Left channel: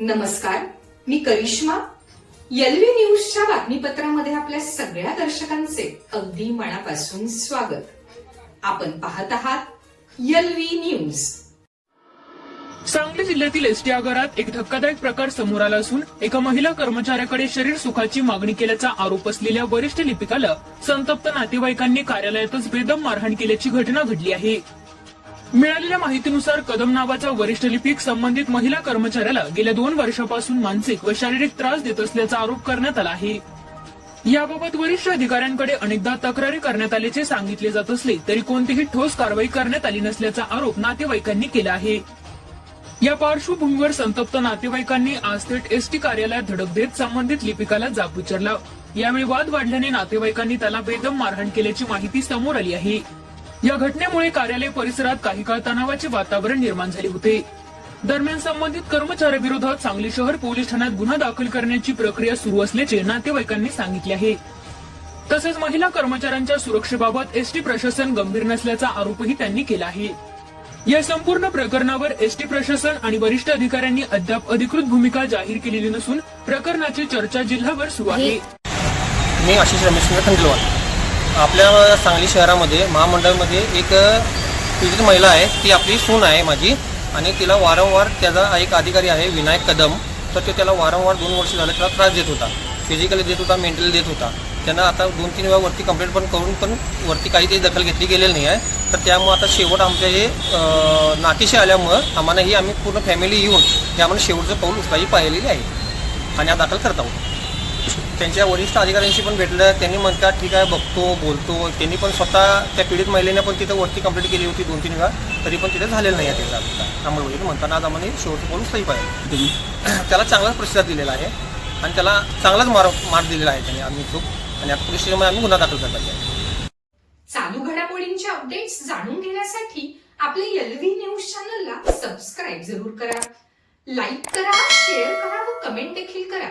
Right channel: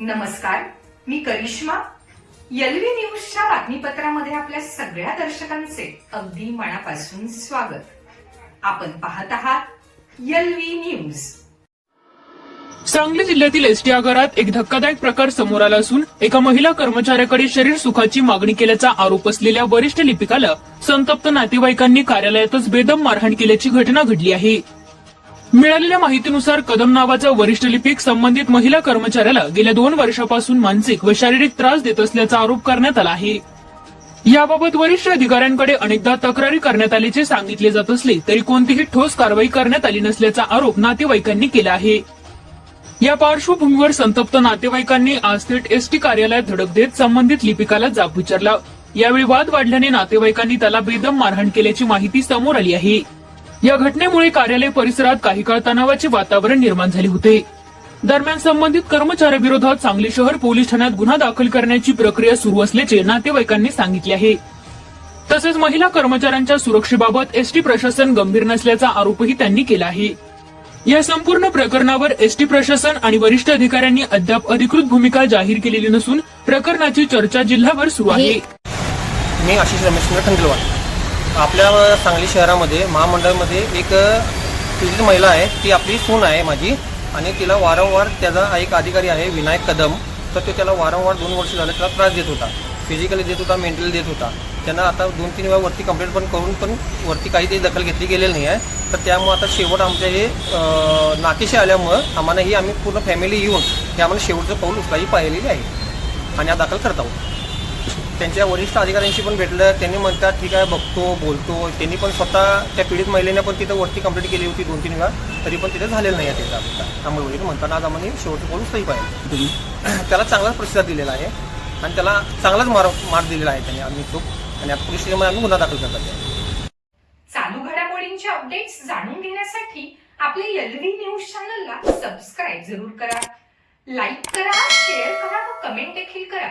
नमस्कार, मी करिश्मा. एलव्ही न्यूजच्या बातमीपत्रामध्ये आपल्या सगळ्या दर्शकांचे अगदी मनापासून स्वागत. आपण पाहत आहात एलव्ही न्यूज. सांगली जिल्ह्यातील एसटी आगारात एक धक्कादायक प्रकार समोर आला असून एका महिला कर्मचाऱ्याकडे शरीर सुखाची मागणी केल्याचा आरोप असलेल्या वरिष्ठ लिपिकाला संतप्त नातेवाईकांनी कार्यालयातच बेदम मारहाण केल्याची घटना घडली आहे. मिळालेल्या माहितीनुसार कदम नावाचा वरिष्ठ लिपिक संबंधित महिला कर्मचाऱ्याला गेल्या 2 वर्षापासून मानसिक व शारीरिक त्रास देत असल्याचा आरोप करण्यात आला आहे. याबाबत वरिष्ठ अधिकाऱ्यांकडे अनेकदा तक्रारी करण्यात आल्याचे सांगितले जात असले तरी कोणतीही ठोस कारवाई करण्यात आली नसल्याचा आरोप नातेवाईकांनी केला आहे. या पार्श्वभूमीवर संतप्त नातेवाईकांनी आज थेट एसटी कार्यालयात धडक देत संबंधित लिपिकाला जाब विचारला. यावेळी वाद वाढल्याने नातेवाईकांनी त्याला बेदम मारहाण केल्याची माहिती समोर आली आहे. या घटनेमुळे कार्यालय परिसरात काही काळ तणावाचे वातावरण निर्माण झाले होते. दरम्यान संबंधित कर्मचाऱ्याविरोधात सांगली शहर पोलीस ठाण्यात गुन्हा दाखल करण्याची प्रक्रिया सुरू असल्याचे नातेवाईकांनी सांगितले आहे. तसेच महिला कर्मचाऱ्यांच्या सुरक्षेबाबत एसटी प्रशासन गंभीर नसल्याचा आरोपही त्यांनी केला आहे. या संपूर्ण प्रकरणावर एसटी प्रशासन आणि वरिष्ठ अधिकाऱ्यांनी अद्याप अधिकृत भूमिका जाहीर केलेली नसून प्रकरणाची चर्चा जिल्हाभर सुरू आहे. मी आशिष रमेशचंद्र खंडेलवाल. आपल्या सांगली शहरामध्ये महामंडळामध्ये एक पीडित महिला आहे. ती आपली सून आहे माझी, आणि तिला वारंवार त्याचा एक अधिकारी आहे विनायक कदम, तर तो त्याला वारंवार 2 वर्ष झाले त्याला त्रास देत होता. फिजिकली देत होता, मेंटली देत होता. त्यांना आता 2-3 वेळा वरती कंप्लेंट पण करून पण वरती काही ते दखल घेतली गेलेली नाही आहे. तर त्यामुळे आता शेवट आमच्या हे नातीशी आल्यामुळं आम्हाला ही आम्ही पूर्ण फॅमिली येऊन हे आम्हाला शेवटचं पाऊल उचलायची पाहिलेली आहे आणि हा दाखल करत आहोत. त्यांच्या वरिष्ठ अधिकाऱ्यांशी पण भेटलं. त्यांनी म्हणतात ठीक आहे, बघतो, बोलतो. त्यांनी पण स्वतः त्या पीडित महिलेने पण तिथं वरती कंप्लेंट केली होती 2-3 वेळा, तरी पण तिथे झालेलं नाही आहे त्याचा अभिप्राय. अंमलबजावणी म्हणताना आज आम्हाला शेवटचं पाऊल उचलायची पाहिजे. त्याला चांगलाच प्रतिसाद दिलेला आहे आणि त्याला चांगलाच मार दिलेला आहे त्यांनी आम्ही चूक, आणि आता पोलीस स्टेशनमध्ये आम्ही गुन्हा दाखल करतात. चालू घडामोडींचे अपडेट्स जाणून घेण्यासाठी आपल्या एलव्ही न्यूज चॅनलला सबस्क्राईब जरूर करा, लाईक करा, शेअर करा व कमेंट देखील करा.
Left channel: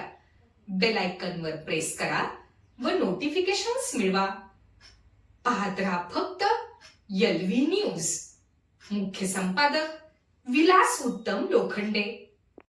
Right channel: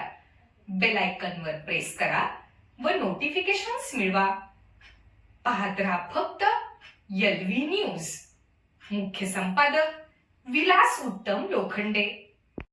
बेल आयकॉनवर प्रेस करा व नोटिफिकेशन्स मिळवा. पाहत रहा फक्त एलव्ही न्यूज. मुख्य संपादक विलास उत्तम लोखंडे.